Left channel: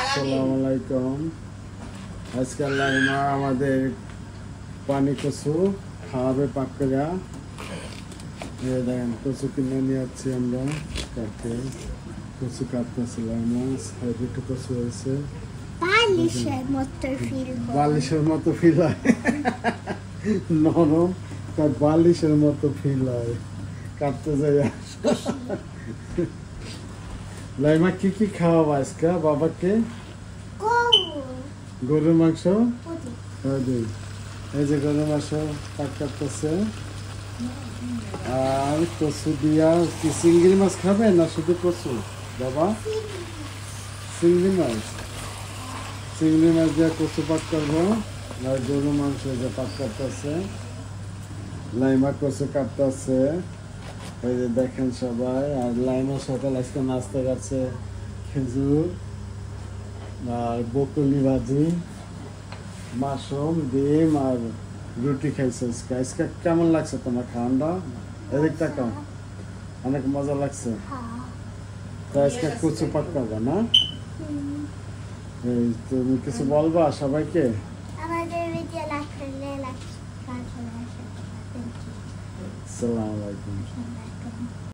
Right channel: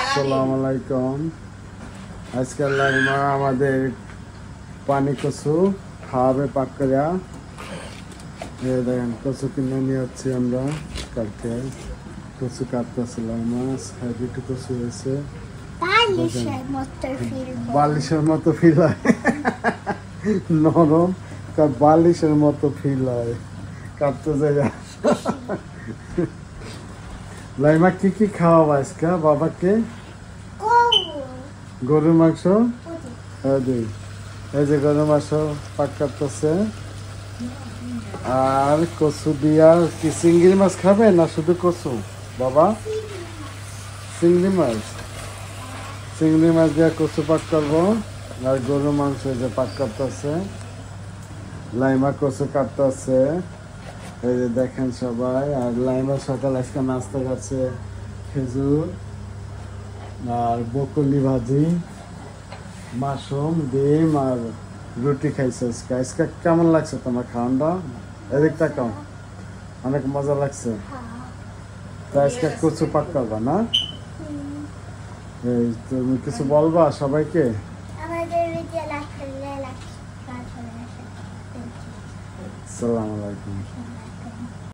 আসসালামু আলাইকুম। আজকে লাইমা আমাদের পানি কচু খাওয়াবে পাক করিয়া। কচু কিনে নিয়ে যাচ্ছি আমরা কাটতে। কচু কাটতেছিলাম মাছ দুটো কচু আছে, বালিশের মতো ফিল হয়, নরম তার বালিশের মতো ফিল হয় কাটতে যাই। লাইমা কি কি খাওয়াবো আজকে বাবাকে? গরুর মাংস। এই যে গরুর মাংস পাক কাটতেছে। আর কচু দিয়া কি চিংড়ি মাছ খাবে না শুধু কচু বাবা? চিংড়ি মাছ দিয়া কচু পাক করবো। আর গরুর মাংস যে পাক কাটতেছে, লাইমা কচু কাটতেছে। এই যে দেখেন সবাই। আর লাইমা সকাল আজকে নাস্তা খাচ্ছে খেজুর আর বকুনি ভাজি, মাশরুম, ডিম আর রুটি খাইছে আজকে। আজকে কেমন লাগছে তোমার খাওয়ানটা? এদিকটা কেমন? অনেক মজা লাগছে। তো আজকে কচু পাক করবা না? তুমি কিছু বলবা সবাইকে? আসসালামু আলাইকুম।